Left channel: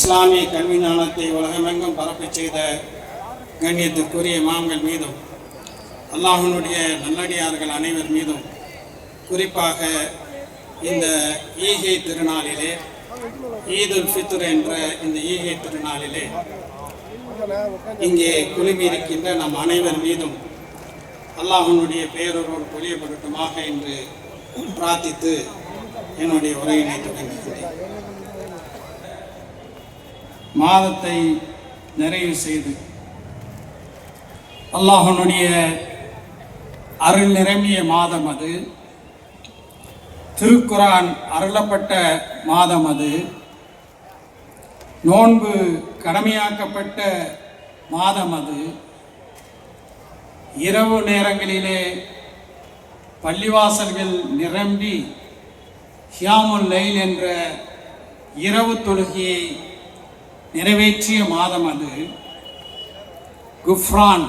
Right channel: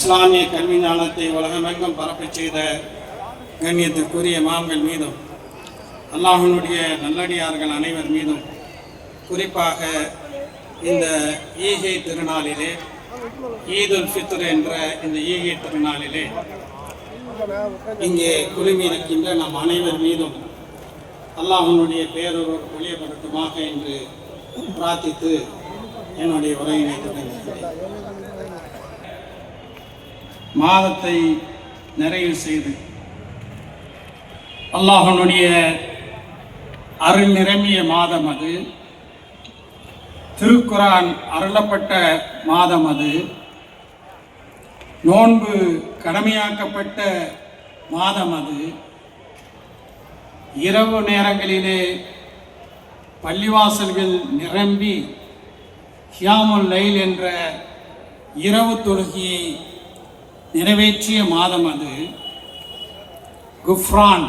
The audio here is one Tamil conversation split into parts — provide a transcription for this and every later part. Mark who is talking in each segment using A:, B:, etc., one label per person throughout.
A: இஸ்லாமிய கல்வி ஞானத்தை உலகமெங்கும் பரப்பி செய்த கண்ணியத்திற்குரிய மாம்கள் மீதும் அல்லாஹினுடைய நல்லடியார்கள் அனைவர் மீதும் குறிப்பாக இந்த ஈகை திருநாளிலே ஈதுல் ஃபித்ர் என்ற இந்த ஈகை திருநாளிலே இங்கே குழுமியிருக்கின்ற நம் அனைவர் மீதும் அல்லாஹனுடைய பேரொருவர் வெளியப்படட்டுமாக என்று பிரார்த்தித்து என்னுடைய உரையினை தொடங்குகிறேன் மாதத்தை நிறைவு செய்து அல்லாஹனுடைய அருள் நிரம்பிய மாதம் அது. திருக்குரான் அருளப்பட்ட மாதம் அது. நோன்பு கடமையாக்கப்பட்ட மாதம் அது. இரவு நேரங்களிலே பள்ளிவாசல்கள் நிரம்பி ஹியாமுல் லைல் என்ற இரவு தொழுகையை நிறைவேற்றிய மாதம் அது. குஃப்ரான்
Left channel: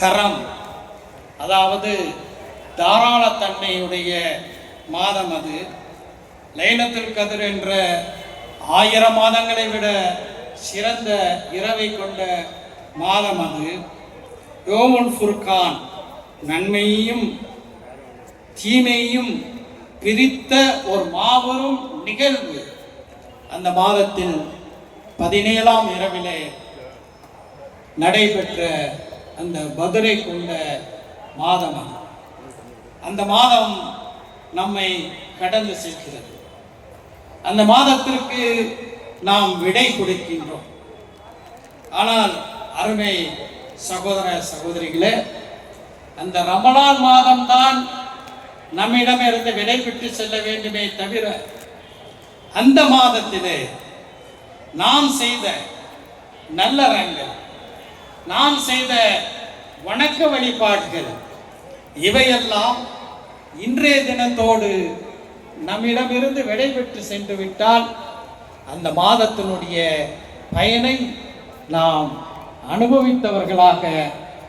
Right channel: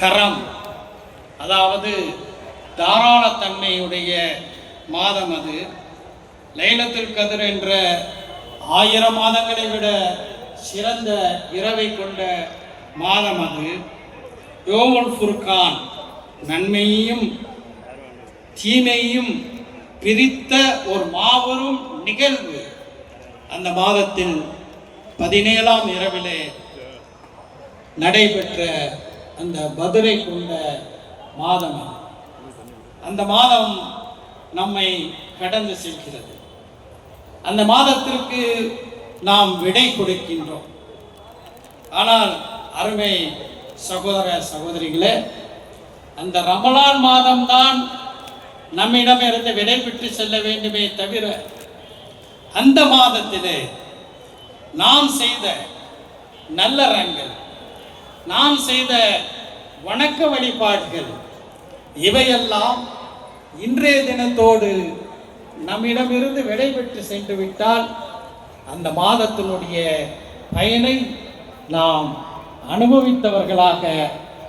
A: கரம். அதாவது தாராளத்தன்மையுடைய மாதம் அது. லைலத்தில் கதிர் என்ற ஆயிரம் மாதங்களை விட சிறந்த இரவை கொண்ட மாதம் அது. யோமுல் ஃபுர்கான் நன்மையையும் தீமையையும் பிரித்த ஒரு மாபெரும் நிகழ்வு. அந்த மாதத்தில் பதினேழாம் இரவிலே நடைபெற்ற அந்த பதிலை கொண்ட மாதம் அந்த மாதம் நம்மை கடந்து செல்கிறது. அந்த மாதத்திற்கு நாம் விடை கொடுக்கின்றோம். ஆனால் அருமை சகோதர சகோதரிகளே அந்த ரமலான் மாதம்தான் நம்மிடம் இருந்து விடை பெற்று செல்ல வேண்டுமே தவிர அந்த மாதத்திலே நாம் செய்த நல்லறங்கள் நாம் செய்த வணக்க வழிபாடுகள் இவையெல்லாம் இன்றைய தினத்தோடு நம்மிடமிருந்து விடைபெற்று சென்று விட்டால் அந்த மாதத்தினுடைய பயனை நாம் அனுபவித்தவர்களாக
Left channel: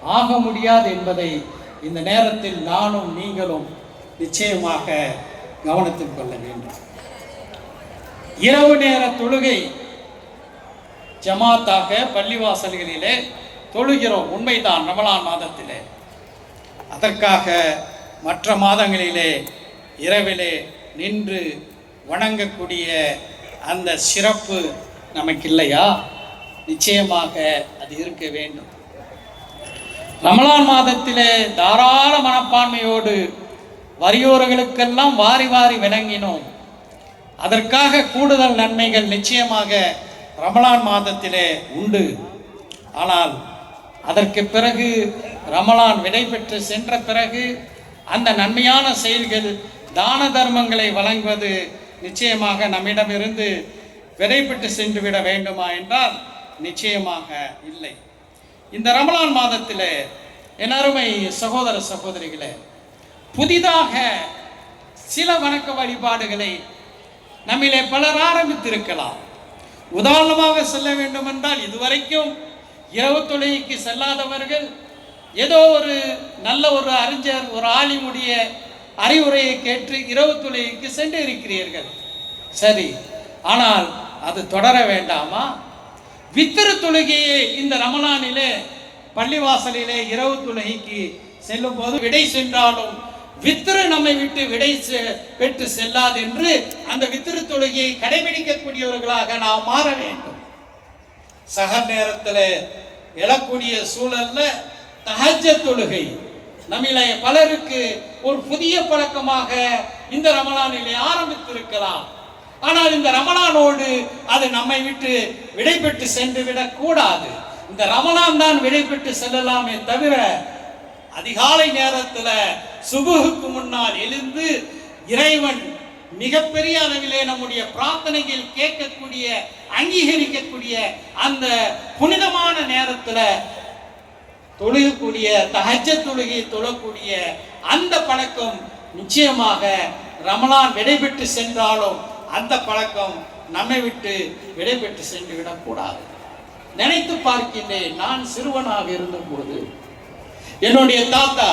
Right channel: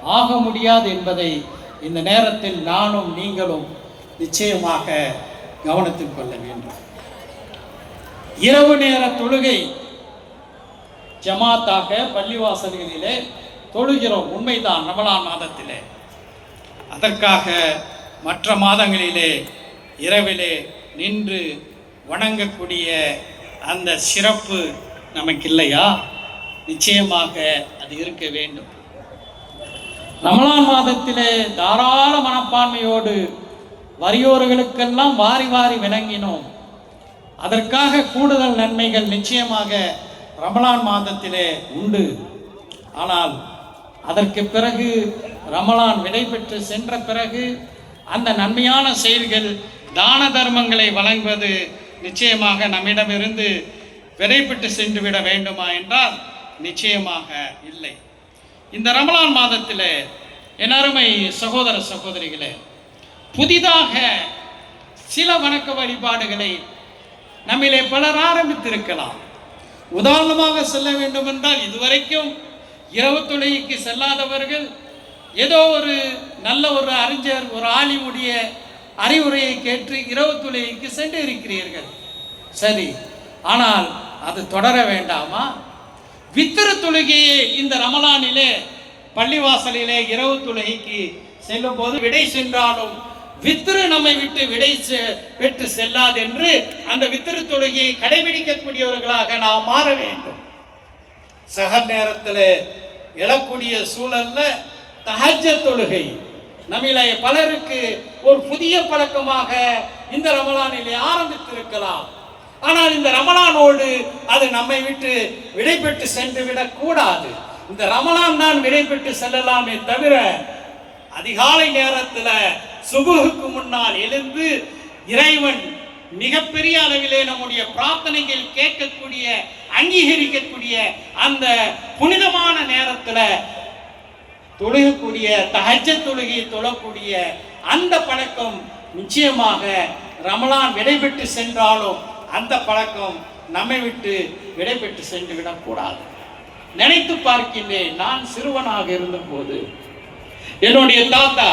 A: ஆக முடியாது என்பதை இந்த நேரத்தில் நானும் நீங்களும் நிச்சயமாக கவனத்தில் கொள்ள வேண்டும். இரவு நேர தொழுகை ஜமாத்தாக பள்ளிவாசல்களிலே தொழுகிறோம். உண்மைதான் ரமலான் மாதத்திலே. அதற்காக மற்ற மாதங்களிலே இரவிலே நின்று வணங்கக்கூடிய அந்த சிறப்பு நமக்கு இல்லையா நிச்சயமாக அது இருக்க வேண்டும். ரமலான் மாதத்திலே தாராள மனப்பான்மையோடு வறியோர்களுக்கெல்லாம் வாரி வாரி விளங்கினோம். அதற்காக கூடுதல் நன்மைகள் நிச்சயமாக ரமலான் மாதத்திலே உண்டு. ஆனால் அதற்கு பிறகு ரமலான் விடைபெற்று சென்ற பிறகு அந்த நன்மையான செயல்கள் தான தர்மங்களை வழங்குவது நிச்சயமாக நம்மிடமிருந்து விடைபெற்று சென்று விட வேண்டுமா என்றால் நிச்சயமாக இல்லை. இந்த ரமலான் மாதத்தில் என் அருமை சகோதர சகோதரிகளே புதிதாக சில வணக்க வழிபாடுகளை நம்மிலே பலர் ஆரம்பித்திருக்கலாம். உதாரணமாக சொல்ல வேண்டும் என்றால் இதுவரைக்கும் இரவு தொழுகைக்கு செல்லாதவர்கள் ஏதோ ஒரு நல்ல ஒரு அறிஞர் ஒரு ஆலிமுடைய அறிவுரையை கேட்டு இரவு தொழுகைக்கு சென்று இருக்கிறீர்கள். சரி ஆனால் அது தொடர வேண்டாமா? வித்திரு தொழுகையே இந்த ரமலானிலே பள்ளிவாசலிலே இரவு தொழுகைக்கு செல்லும் போது விடை சென்றாலும் வித்திரு நம்மை விட்டு விடை செ- பெற்று செல்லாது என்று அந்த வித்திரு தொழுகையை கடைபிடிக்கக்கூடியவர்களாக நாம் மாற வேண்டும். சக நேரத்தில் எழக்கூடிய சூழல்ல தகஜ தொழுகை. நம்மிலே பலருக்கு ஒரு புதிய பழக்கமாக இந்த ரமலானிலே ஆரம்பித்திருக்கலாம். ஆனால் இந்த ரமலானோடு அது நம்மை விட்டு விடைபெற்று சென்று விடக் கூடாது. இந்த ரமலான் தான் விடைபெற்று செல்லலாமே தவிர அதிகாலை நேரத்துல சுபுகுக்கு முன்னால் எழுந்து இறைவன் மிகப்பெரிய அளவிலே நம்முடைய பிரார்த்தனைகள் கேட்கக்கூடிய அங்கீகரிக்கக்கூடிய அந்த புனிதமான நேரத்தில் தொழுகக்கூடிய தகஜ தொழுகை தொழக்கூடிய அந்த பழக்கம் நிச்சயமாக ரமலான் விடைபெற்று சென்றாலும் அந்த பழக்கம் நம்மை விட்டு விடைபெற்று சென்று விடக்கூடாது நினைத்து பார்க்கின்றேன் நான் சிறுவனாக இருந்தபோது என்னுடைய தாத்தா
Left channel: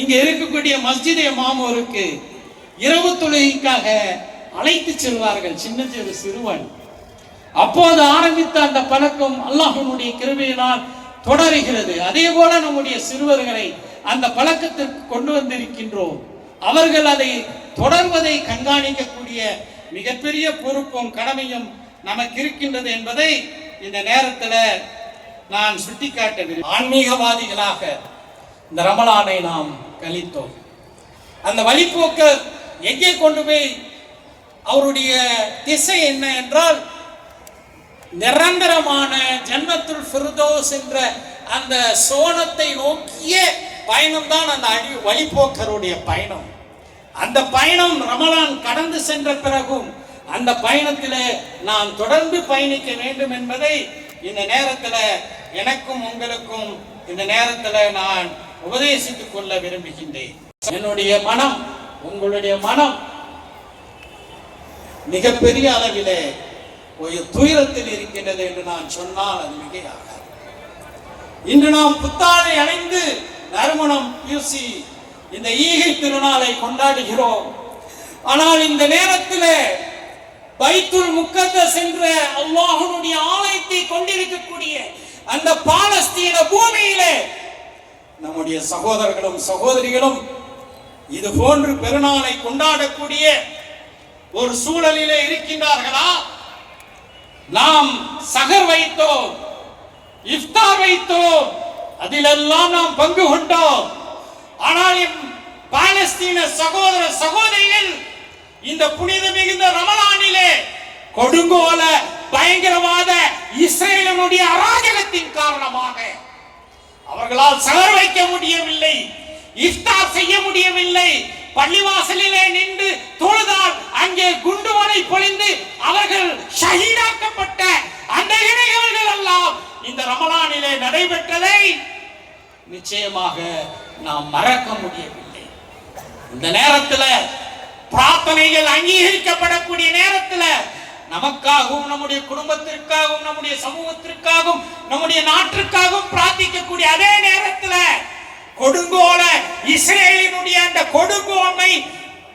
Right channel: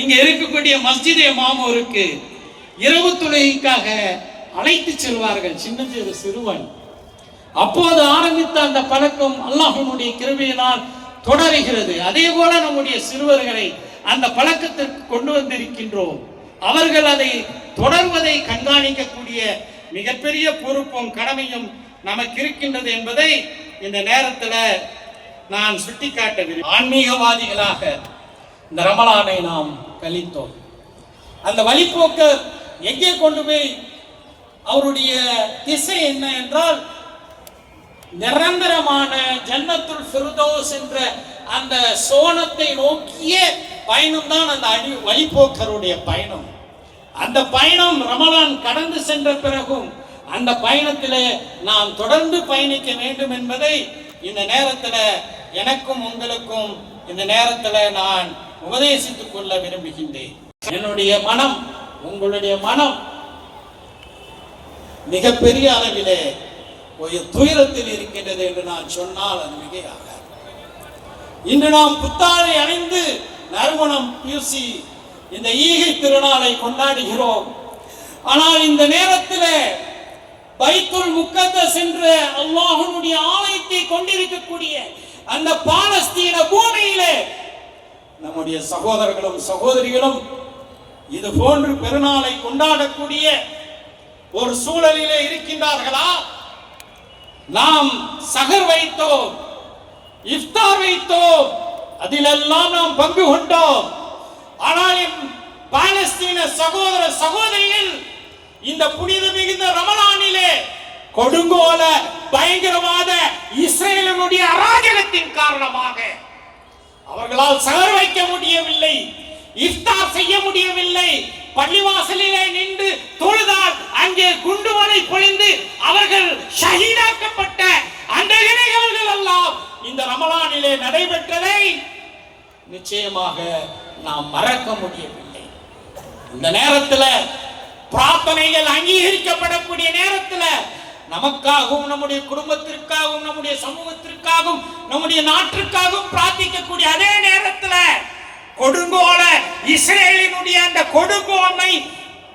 A: இங்க இருக்கக்கூடிய மஸ்ஜிதே மாமூருக்கு இரவு தொழுகைக்காக அழைத்து செல்வார்கள் சின்ன சிறு சிறுவன். அப்போது ஆரம்பித்த அந்த பழக்கம் அல்லாஹனுடைய கிருமையினால் தொடருகிறது. அதே போல நம்முடைய சிறுவர்களை அந்த பழக்கத்திற்கு கொண்டு வந்திருக்கின்றோம். அவர்கள் அதை தொடர்வதை கண்காணிக்கக்கூடிய மிகப்பெரிய பொறுப்பும் கடமையும் நமக்கு இருக்கின்றது என்பதை இந்த நேரத்தில் நான் சுட்டிக்காட்ட ஆன்மீகவாதிகளாக இந்த ரமலானை நாம் கழித்தோம். அந்த வழிபோக்கு எங்கே கொண்டு போய் அவருடைய திசை என்ன என்றால் நிரந்தரமான ஜன்னத்துல் ஃபிர்தௌஸ் என்ற அந்த சோனத்தை நோக்கிய பயணம் தான் அந்த அடி வழிபோக்கருடைய பயணம். அந்த பயணம் ரமலான் கடந்து சென்ற பிறகும் அந்த பயணத்திலே நாம் தொடர்ந்து பயணிக்க வேண்டும் என்பதை இந்த நேரத்தில் எனக்கும் உங்களுக்கும் இந்த நேரத்தில் நான் உபதேசித்துக் கொள்ள விரும்புகின்றேன். என்னுடைய மனம் உங்களுடைய மனம் மிகப்பெரிய அளவிலே ஒரு துயரத்தில் இருக்கின்றது என்று நான் சொன்னால் அது மிகையாகாது. இன்று நாம் புத்தாடை அடைந்து நறுமணம் பூசி இந்த ஈகை திருநாளை கொண்டாடுகிறோம். ஆனால் இந்த நேரத்தில் பைத்துல் முக்கத்த சென்ற அல்லாஹனுடைய ஆலயத்தை கொண்டிருக்கக்கூடிய அந்த பாலஸ்தீன பூமியிலே நம்முடைய சகோதரர்களும் சகோதரிகளும் இது போன்று பெருநாளை கொண்டாடக்கூடிய ஒரு சூழலிலே இருக்கின்றார்களா? நாம் சகர் வைத்தோம் இஃப்தார் வைத்தோம் அதிலெல்லாம் நாம் பங்கு கொண்டோம். ஆனால் பாலஸ்தீன சகோதர சகோதரிகள் இந்த புனித மிகுந்த ரமலானிலே கொடுங்கோல பயங்கரவாத இஸ்ரேலனுடைய அராஜகத்தின் காரணமாக அவர்களால் சகர் வைக்க முடியவில்லை இஃப்தார் செய்ய முடியவில்லை. பள்ளிவாசலிலே நின்று தொழுதால் அங்கே குண்டுமலை பொழிந்து அவர்கள் ஷஹீதாக்கப்பட்ட அந்த நினைவுகள் எல்லாம் இந்த ரமலானிலே நடைபெற்றதை நிச்சயமாக நாம் மறக்க முடியவில்லை. இந்த நேரத்தில் பிரார்த்தனைகள் அங்கீகரிக்கப்படக்கூடிய நேரத்தில் நமக்காகவும் நம்முடைய குடும்பத்திற்காகவும் நம்முடைய சமூகத்திற்காகவும் நம்முடைய நாட்டிற்காகவும் பிரார்த்திக்கக்கூடிய அதே நேரத்தில் கொடுங்கோல இஸ்ரேலினுடைய அந்த கொடுங்கோன்மை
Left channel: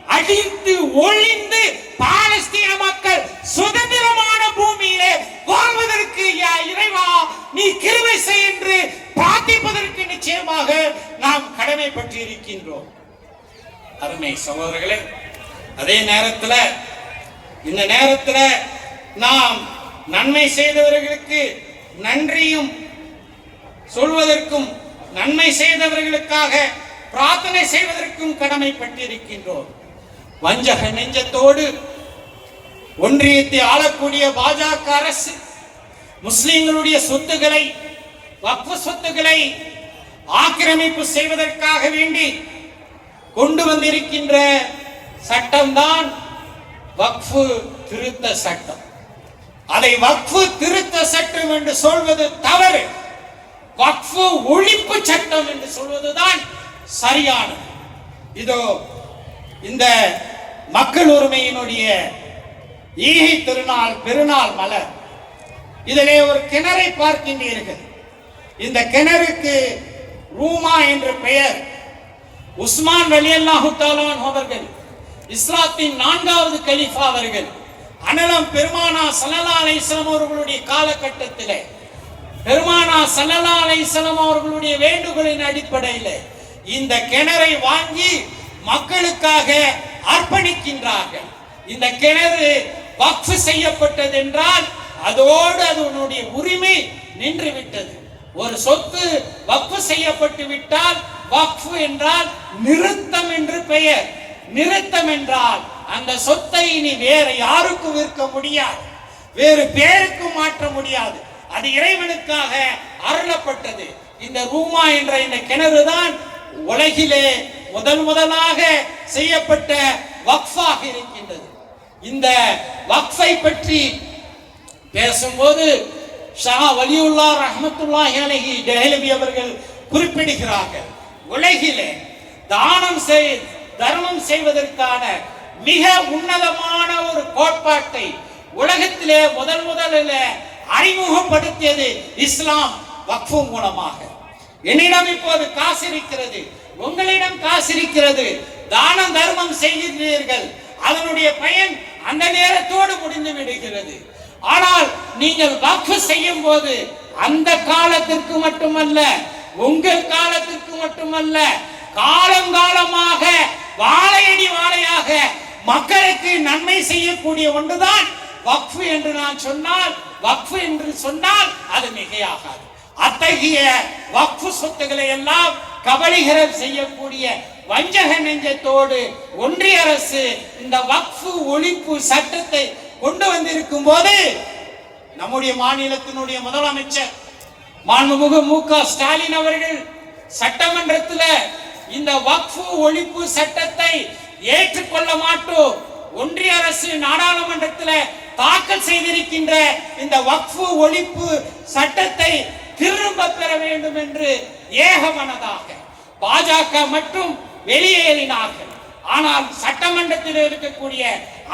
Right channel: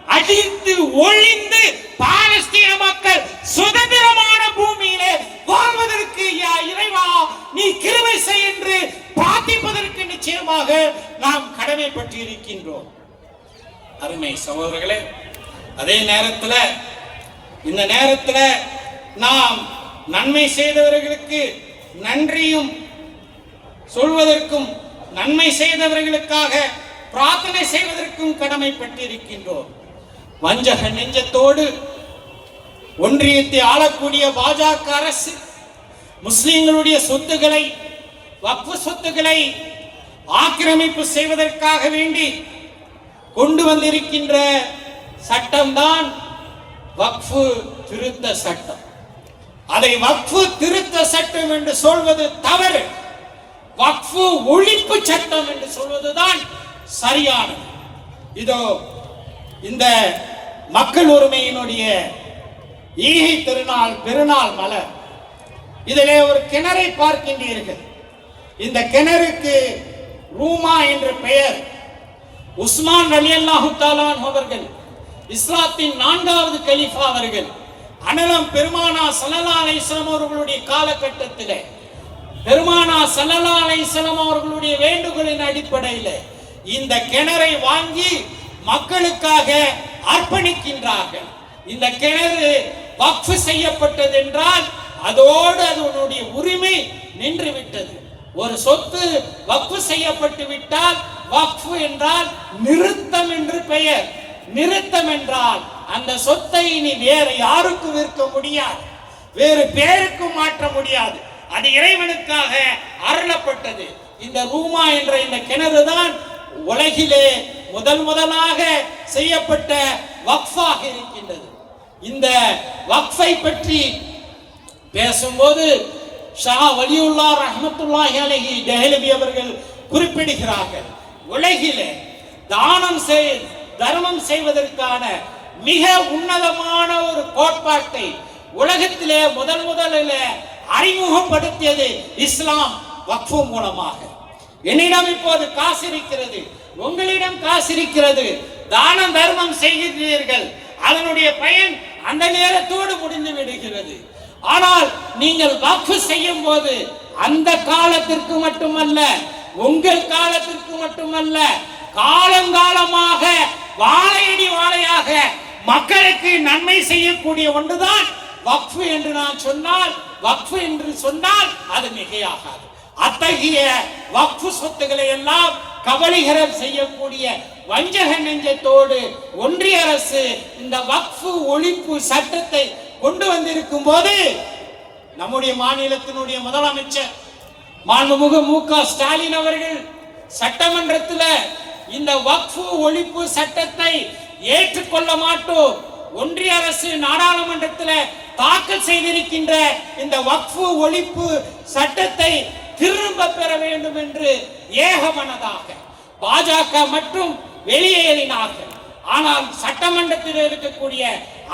A: அழிந்து ஒழிந்து பாலஸ்தீன மக்கள் சுதந்திரமான பூமியிலே வாழ்வதற்கு யா இறைவா நீ கிருவை செய் என்று பிரார்த்திப்பதற்கு நிச்சயமாக நாம் கடமைப்பட்டு இருக்கின்றோம் அருமை சகோதரர்களே அதே நேரத்தில் இந்த நேரத்தில் நாம் நன்மை செய்தவர்களுக்கு நன்றியும் சொல்வதற்கும் நன்மை செய்தவர்களுக்காக பிரார்த்தனை செய்வதற்கும் கடமைப்பட்டிருக்கின்றோம். வஞ்சக நெஞ்சத்தோடு ஒன்றியத்தை ஆளக்கூடிய பாஜக அரசு முஸ்லிம்களுடைய சொத்துக்களை வக்ஃபு சொத்துக்களை ஆக்கிரமிப்பு செய்வதற்காக வேண்டி கொண்டு வந்திருக்கின்ற சட்டம்தான் வக்ஃபு திருத்த சட்டம். அதை வக்ஃபு திருத்த சட்டம் என்று சொல்வது தவறு. வக்ஃபு ஒழிப்பு சட்டம் என்று சொல்வதுதான் சரியானது. இதோ இந்த மக்கள் உரிமையினுடைய ஈகை திருநாள் பெருநாள் மலர். இதிலே ஒரு கிணறை பார்க்கின்றீர்கள். இந்த கிணறுக்கு ரூமா என்ற பெயர். உஸ்மான் அலி அல்லாஹு அவர்கள் இஸ்லாத்தின் நான்காவது கலீஃபா அவர்கள் அனலம் பெருமானா சல்லல்லா அலைஹிஸ்ஸலாம் அவர்களுடைய காலகட்டத்தில் பெருமானா சல்லல்லா அலைஹிஸ்ஸலாம் அவர்களுடைய வேண்டுகோளின் அடிப்படையில் இந்த கிணறை வாங்கி மக்களுக்காக அர்ப்பணிக்கின்றார்கள். இந்த கிணறு வக்ஃப் செய்யப்பட்டது என்றால் அதோடு அதனுடைய உரிமை நின்று விட்டது ஒரு சொத்து வக்ஃப் செய்யப்பட்டு விட்டால் வக்ஃப் என்றால் நிறுத்தம் என்று பெயர். நிறுத்தம் என்றால் அந்த சொத்தை இனி வேறு யாருக்கும் விற்க முடியாது? வேறு பேருக்கு மாற்ற முடியாது. அது இறைவனுக்காக அருளப்பட்டது. இந்த ரூமா என்ற இந்த கிணறு தான் உலகிலே முதல் முதலாக செய்யப்பட்ட வக்ஃபாக இருக்கின்றது. இந்த வக்ஃபை பற்றி பேசும்போது ஷா வலியுல்லா ரஹமத்துல்லா அலஹி டெஹலவி அவர்கள் குறிப்பிடுகிறார்கள். உலகிலே தானம் செய்து தர்மம் செய்வதற்கான மிக உன்னதமான ஒரு கோட்பாட்டை உலகத்திலே முதல் முதலில் அறிமுகப்படுத்தியது இஸ்லாம் வக்ஃபு மூலமாக. என்னிடம் இப்போது காசு இருக்கிறது. உங்களிடம் காசு இருக்கிறது. தானம் தர்மம் செய்கிறீர்கள் அதனுடைய பயன் அந்த நேரத்தோடு முடிந்து விடுகிறது. ஆனால் நீங்கள் வக்ஃப் செய்யும் போது அந்த காலத்திற்கு மட்டுமல்ல உங்கள் காலத்திற்கு மட்டுமல்ல காலம் காலமாக வாழையடி வாழையாக மக்களுக்கு நன்மை செய்யக்கூடிய ஒன்றுதான் வக்ஃபு என்று நான் சொன்னால் வக்ஃபு என்று சொன்னால் அது மிகையாகாது. அத்தகைய வக்ஃபு சொத்துக்களை எல்லாம் கபலீகரம் செய்யக்கூடிய வஞ்சக நெஞ்சத்தோடு ஒன்றிய அரசு இந்த வக்ஃபு ஒழிப்பு சட்டத்தை கொண்டு வந்திருக்கும் போது நம்முடைய மாநிலத்தினுடைய முதலமைச்சர் மாண்புமிகு மு க ஸ்டாலின் அவர்கள் சட்டமன்றத்தில் இந்த வக்ஃபு ஒழிப்பு சட்டத்தை ஏற்றுக்கொள்ள மாட்டோம். ஒன்றிய அரசு நாடாளுமன்றத்தில் தாக்கல் செய்திருக்கின்ற இந்த வக்ஃபு ஒழிப்பு சட்டத்தை திரும்ப பெற வேண்டும் என்று ஏகமனதாக பாஜக மற்றும் வெளியேறினார்கள். ஆனால் சட்டமன்றத்தில் இருக்கக்கூடிய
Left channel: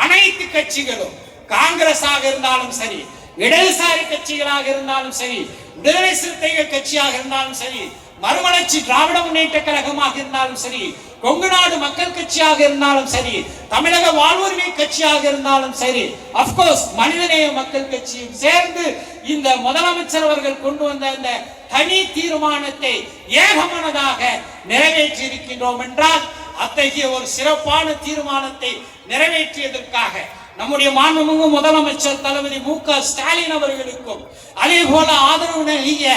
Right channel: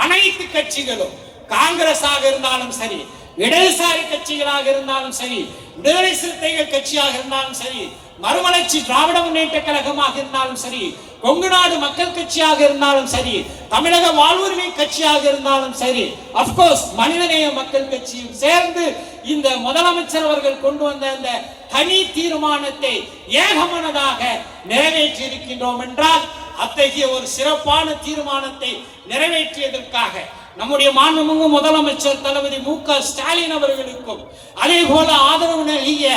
A: அனைத்து கட்சிகளும் காங்கிரஸாக இருந்தாலும் சரி இடதுசாரி கட்சிகளாக இருந்தாலும் சரி விடுதலை சிறுத்தைகள் கட்சியாக இருந்தாலும் சரி மறுமலர்ச்சி திராவிட முன்னேற்ற கழகமாக இருந்தாலும் சரி கொங்கு நாடு மக்கள் கட்சியாக இருந்தாலும் சரி தமிழக வாழ்வுரிமை கட்சியாக இருந்தாலும் சரி அப்கோர்ஸ் மனிதநேய மக்கள் கட்சியும் சேர்ந்து இந்த முதலமைச்சர் அவர்கள் கொண்டு வந்த அந்த தனி தீர்மானத்தை ஏகமனதாக நிறைவேற்றி இருக்கின்றோம் என்றால் அத்தகைய ஒரு சிறப்பான தீர்மானத்தை நிறைவேற்றியதற்காக நம்முடைய மாண்புமிகு முதலமைச்சர் தளபதி மு க ஸ்டாலின் அவர்களுக்கும் அதே போல ஆதரவு நல்கிய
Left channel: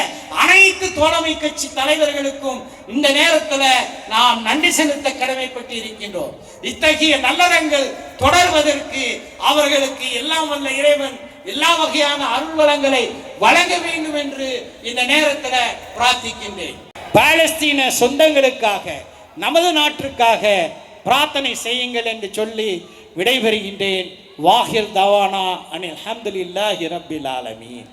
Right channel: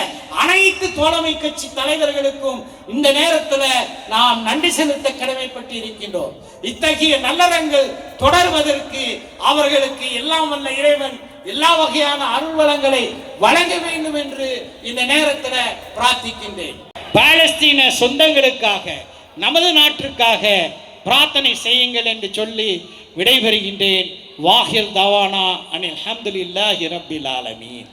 A: அனைத்து தோழமை கட்சி தலைவர்களுக்கும் இந்த நேரத்தில் நாம் நன்றி செலுத்த கடமைப்பட்டு இருக்கின்றோம் இத்தகைய நல்லறங்கள் தொடர்வதற்கு அவர்களுக்கு எல்லாம் வல்ல இறைவன் எல்லா வகையான அருள் வளங்களை வழங்க வேண்டும் என்று இந்த நேரத்தில் பிரார்த்திக்கின்றேன். பாலஸ்தீன சொந்தங்களுக்காக நமது நாட்டிற்காக பிரார்த்தனை செய்யுங்கள் என்று சொல்லி விடைபெறுகின்றேன். வாஹிர் தவானா அனில் அஹமதுல்லாஹி ரப்பில் ஆலமீன்.